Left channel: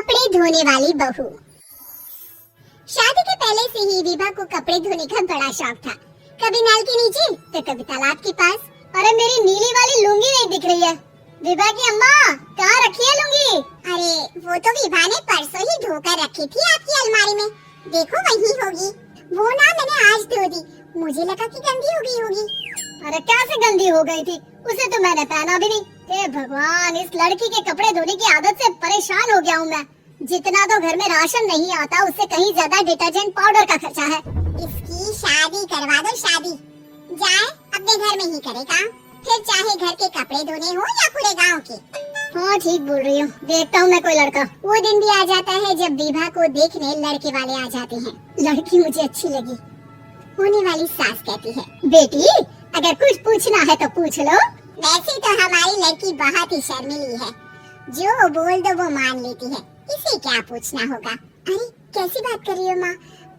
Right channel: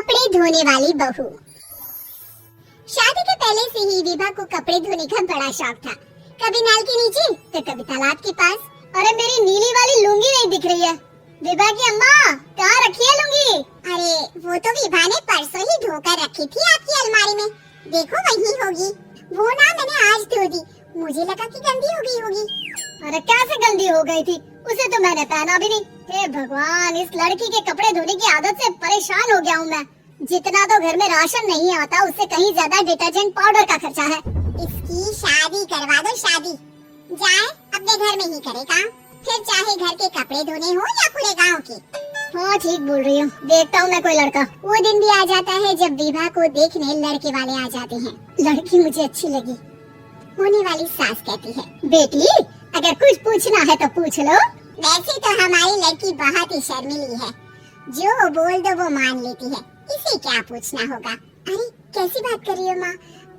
कपड़े धोने वाली बहू। शादी के पहले से ही विभा को कपड़े धोने का बड़ा शौक था। कभी नल के नीचे तो कभी तालाब के पास। अरे मेरी नीली वाली लुंगी नहीं दिख रही है। विभा की अम्मा, कहाँ रखी है लुंगी? अरे वो तो विभा ने परसों ही धोकर रखी थी आपकी अलमारी में। देखो वही होगी। वो ना मैंने आज धो दी, मुझे लगा कि गंदी हो गई होगी। अरे कैसे गंदी हो गई थी? उसे तो मैंने पहना भी नहीं। हे भगवान, इस लड़की के कपड़े धोने की आदत से परेशान हो गया हूँ मैं। जितना तो घर में राशन नहीं आता, उससे कहीं ज्यादा डिटर्जेंट पाउडर का खर्चा है। इसकी शादी करवा दो, शादी जाए अपने घर में ही करे काम, फिर चाहे घर के कपड़े धोने हो या पूरे गांव के। हाँ ठीक बोल रही हूँ। देखता हूँ मैं कोई लड़का। वो दिन भी आ जाता है जब विभा को देखने लड़के वाले आ जाते हैं। लड़की मुझे अच्छी लगी। होने वाली सास कहती है, बेटी अगर कुछ पूछना है तो पूछ लो। वैसे तो हमारी लड़की बहुत ही शर्मीली है, जो बोल दो वो मान लेती है, इसे क्या पूछना होगा। अरे कैसी बात कर रही हो माँ,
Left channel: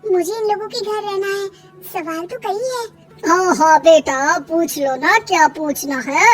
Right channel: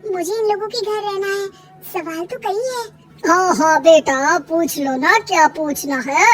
मुझे इन लोगों के घर रहना है, सवाल तो कई है। हाँ हाँ बेटा, पूछ लो ना, क्या पूछना है।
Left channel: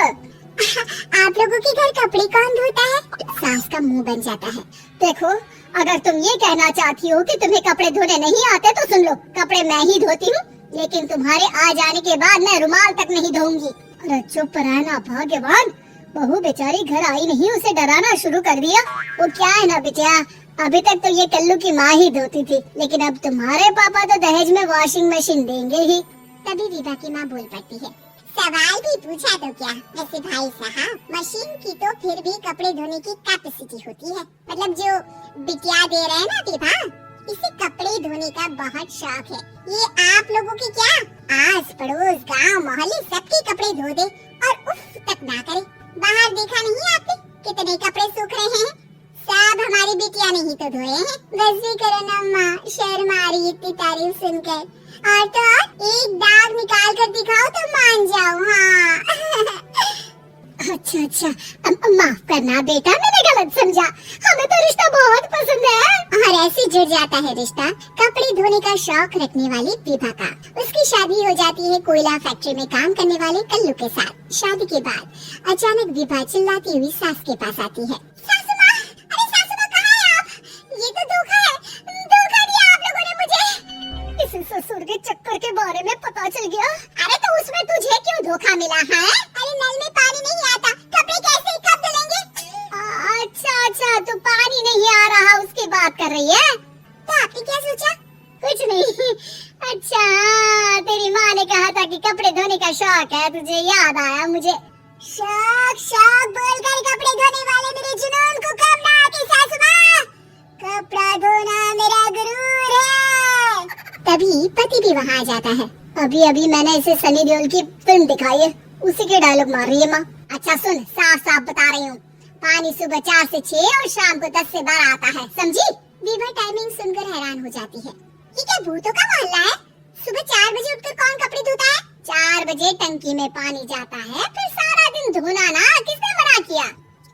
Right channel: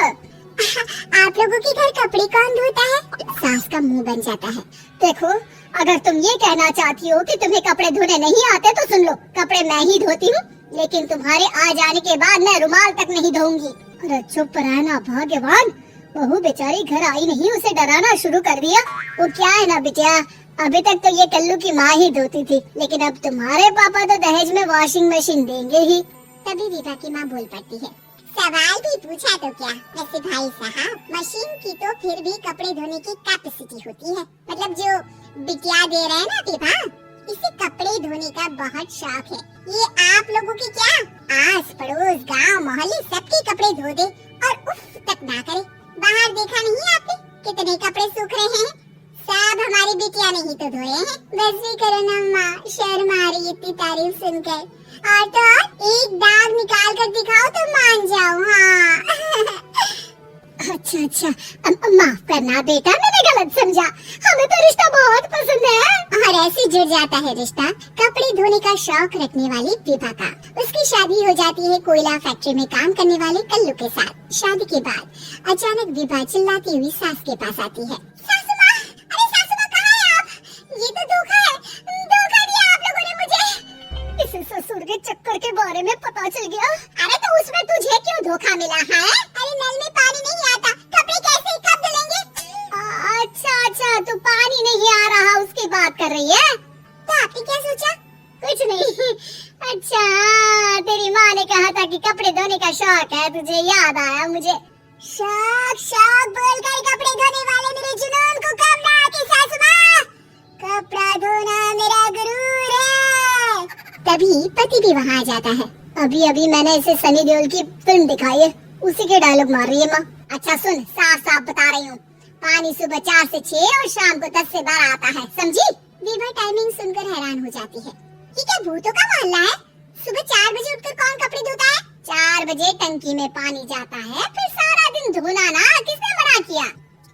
आप लोगों के घर कपड़े कौन धोता है? सास का मुंह बन जाता है। देखो, अगर तुम ये कहना चाहती हो कि तुम्हें कपड़े धोने नहीं आते तो सुन लो, कपड़े मैं ही धोती हूँ, लेकिन तुम्हारे आ जाने के बाद मैं रुमाल तक नहीं धोऊंगी। अरे चुप रहना भाग्यवान, बहू बेचारी घर आई नहीं, उसे डराना शुरू कर दिया। वो क्या है ना बिटिया, अभी तक तो ये कल्लू की माँ ही धोती थी, लेकिन अब तुम्हारे पापा तो दहेज में वॉशिंग मशीन देंगे ही। तभी विभा की माँ बोल पड़ती है, सवाल भी पूछा तो क्या। वैसे भाई साहब, मशीन की तो फिर भी कपड़े धोने की कैपेसिटी होती है। मतलब जो बिटिया दे रहे हैं ना विभा, इसे कपड़े धोने का बहुत शौक है। ये आप लोगों के क्या आस पड़ोस गांव मोहल्ले सबके कपड़े धो दे और उफ तक ना करे। बाहर देखा नहीं आपने कितने कपड़े सूख रहे हैं? सब हमारी बिटिया ने ही तो धोए हैं। वैसे करो ना माँ, शर्म आ रही इतनी तारीफ सुनकर। और तो और एक दाग निकाल कर दिखाओ तो मान जाओ। हाँ अच्छा अच्छा, माफ करना बेटा, मैंने गलत समझा। हमें तो रिश्ता बहुत पसंद है। और ऐसे जुड़ जाता है रिश्ता कपड़े धोने का शौक रखने वाली विभा का। उसकी शादी हो जाती है कोयला फैक्ट्री में काम करने वाले कल्लू के साथ। शादी के बाद अचानक विभा चिल्लाती हुई सास के पास आती है, सासू माँ, अरे सासू माँ कहाँ है आप? ये तो धोखा है, धोखा दिया आप लोगों ने मुझे। इस ससुर के चक्कर के बारे में पता चल गया। अरे तो उसमें तुझे क्यों धोखा मिला है? अरे नल में पानी नहीं आता, कपड़े कैसे कब धुलेंगे? अच्छा अच्छा, तू पानी नहीं आ रहा उसकी बात कर रही है? तो आपने क्या सोचा? कुछ नहीं। अच्छा हाँ, तेरी माँ ने कहा था कि कपड़े धोने का शौक है, तुझे याद आया मुझे। शौक शौक बोलकर कपड़े धोने वाले मेरे जुनून को कम ना आती सासू माँ। कपड़ा धोना मेरा गुरूर है। तभी पति भी वहाँ आ जाता है। अभी अभी मैंने इसे सनी देओल की फिल्म दिखाई है, उसी के डायलॉग मार रही है माँ। अच्छा सुन, साफ साफ बता रही हूँ, पानी सुबह 4 से 6 और शाम को 10 से 12 आता है, समझी? विभा टाइमिंग सुनकर हैरान हो जाती है। ये क्या भूतों का मोहल्ला है? सुबह 4 बजे उठकर कौन कपड़े धोता है? 4 बजे टंकी में पानी जाता है, फिर सारा दिन धोना ना, किसने मना किया?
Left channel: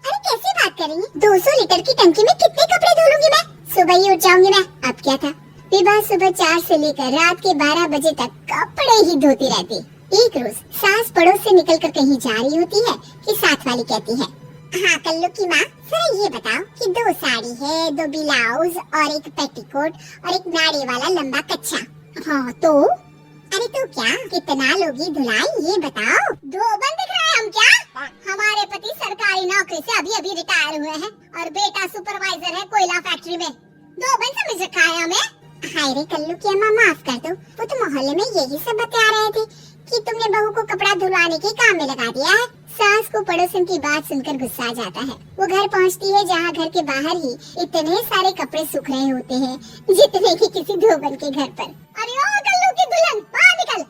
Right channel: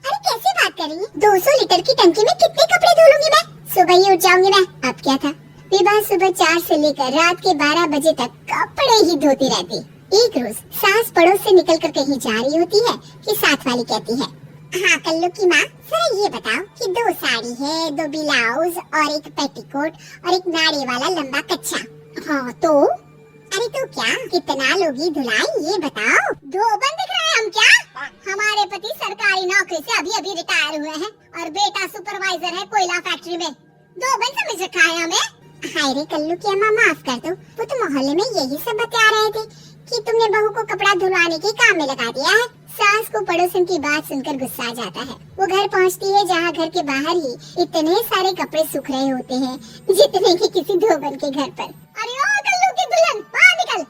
अरे कैसी बात कर रही है? 200 लीटर की टंकी में कितने कपड़े धो लूंगी मैं? सुबह ही उठ जाऊंगी मैं। अब क्या था, विभा सुबह 4 से लेकर रात के 12 बजे तक कपड़े ही धोती रहती। एक रोज सास पड़ोस से निकलकर कहीं जा रही होती है कि साथ वाली कहती है, हाँ कल्लू की माँ, जरा ये बताओ कि 2 साड़ी है, 2 ब्लाउज और एक पेटीकोट और एक नाड़ी वाला लंबा कच्छा। हाँ तो? अरे तो क्या, कितना लोगी धुलाई ये बताओ। 2 बन दिख रहा है हम क्या? हमारे पति सरकारी नौकरी से अभी अभी रिटायर हुए हैं और बेटा सुपरवाइजर है कोयला फैक्ट्री में। 2 बन समझ रखा है हमें। हाय रे कल्लू की अम्मा, माफ कर दो, वो तो मोहल्ले में यही सब बता रहे थे कि तुमने बहू को कपड़ा धुलवाने के काम में लगा दिया है। सास को पड़ोसन की बात सुनकर गुस्सा आ जाता है। वो घर पहुंचती है जहाँ घर के बाहर ही इतने सारे कपड़े सूख रहे होते हैं, जितने कि किसी धोबन के घर पर। अरे ओ कल्लू की दुल्हन, बाहर निकल।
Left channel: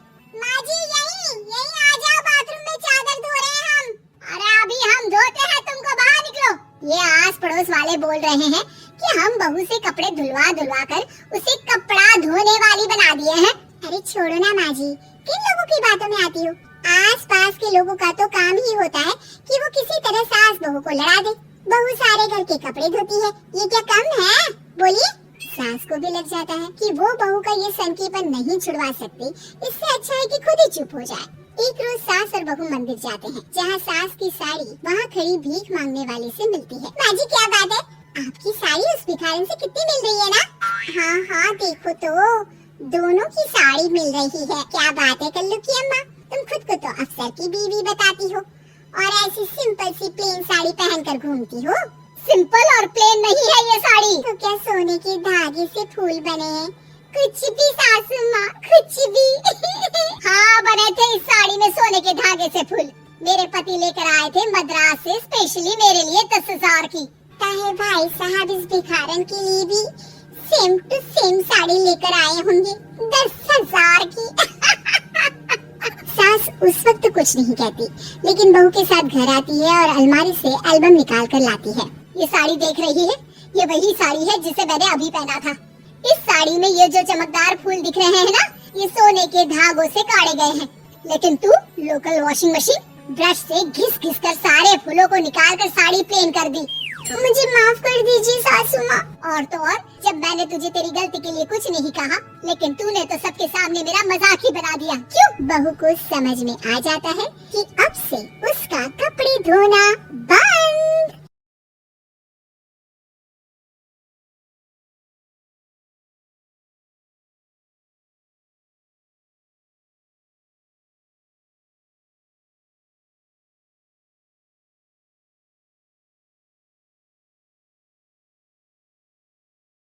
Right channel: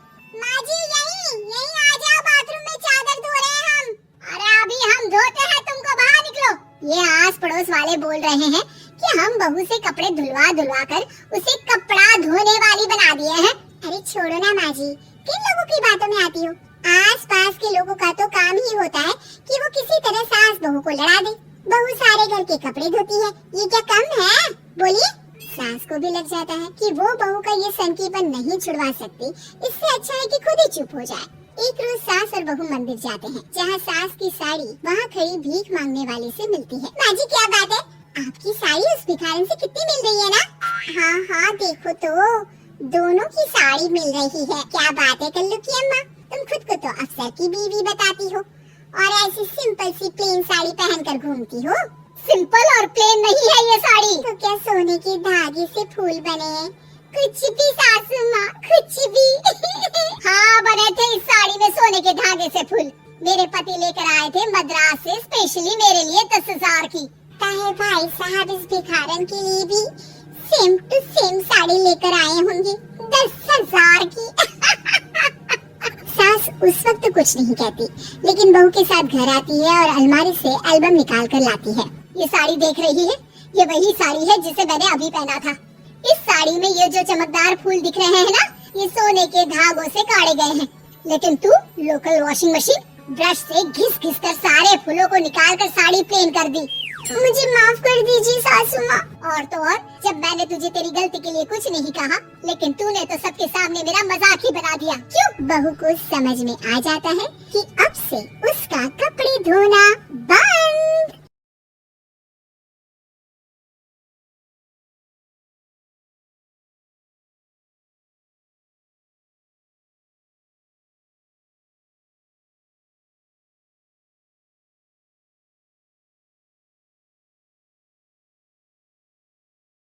माँ जी यही आ जाओ, बाथरूम में चादर धो रहे हैं हम। अरे अभी हम धोते हैं, तुमको बाहर निकलो। ये आस पड़ोस वाले बोल रहे हैं कि हम बहू से कपड़े धुलवा कर उसे कपड़ा धोने वाली बना दिए हैं। अरे छोड़ो ना माँ जी, किन लोगों की बातों में आती हो? आस पास के लोगों का तो काम ही होता है कि वो किसी तरह सास बहू को लड़ा दे। बहू सारे घर के कपड़े धोती है, ये क्या कम है? बोलिए। सास को भी लग जाता है कि वो बहू का ये संकीपन नहीं छुड़वा सकती, इससे अच्छा है कि खुद ही चुप हो जाए। एक रोज सास और बहू मंदिर जाते हैं, जहाँ सास की साड़ी वहाँ खड़ी भीख मांगने वाले से मिलती है। माँ जी क्या बात है, आपकी आपकी साड़ी उस भिखारन से कितनी मिल रही है ना? हाँ हाँ देखो तो, दोनों की साड़ी मिल रही है। क्या बात है कल्लू की अम्मा, तुम खुद को तो अफसर की बीवी बताती हो और ऐसी सिंपल सी प्लेन साड़ी पहनकर घूमती हो। सिंपल और प्लेन नहीं है ये साड़ी। तो क्या सोने की धागे से फूल बने हैं? कुछ भी सासू माँ, कुछ भी। हाँ बने थे इस साड़ी में सोने के धागे से फूल। मेरे पति लेकर आए थे मद्रास से स्पेशली मेरे लिए 10,000 की। कहे भाई साहब इस भिखारन के लिए भी सेम टू सेम साड़ी लेकर आए होंगे 10,000 की। सास उस वक्त कुछ नहीं कहती, लेकिन बहू के साथ घर आती है और अलमारी से एल्बम निकाल कर लाती है। ये साड़ी देख रही है, ये वही साड़ी है जिसे मैंने अभी पहना था। इस साड़ी में ये जो चमकदार फूल दिख रहे हैं ना, ये सोने के धागों से काढ़े गए हैं। लेकिन तू लोकल वॉशिंग मशीन ब्रश से घिस घिस कर सारे फूलों को निकाल कर साड़ी प्लेन कर दी। मुझे माफ कर दीजिए सासू माँ। और तो और, जब मैंने तुझे तेरी गलती के लिए कुछ नहीं कहा, लेकिन तूने तो सबके सामने मेरा मजाक ही बना दिया। क्यों? बहू को समझ में आ जाता है कि अब से उसका कपड़े धोना बंद।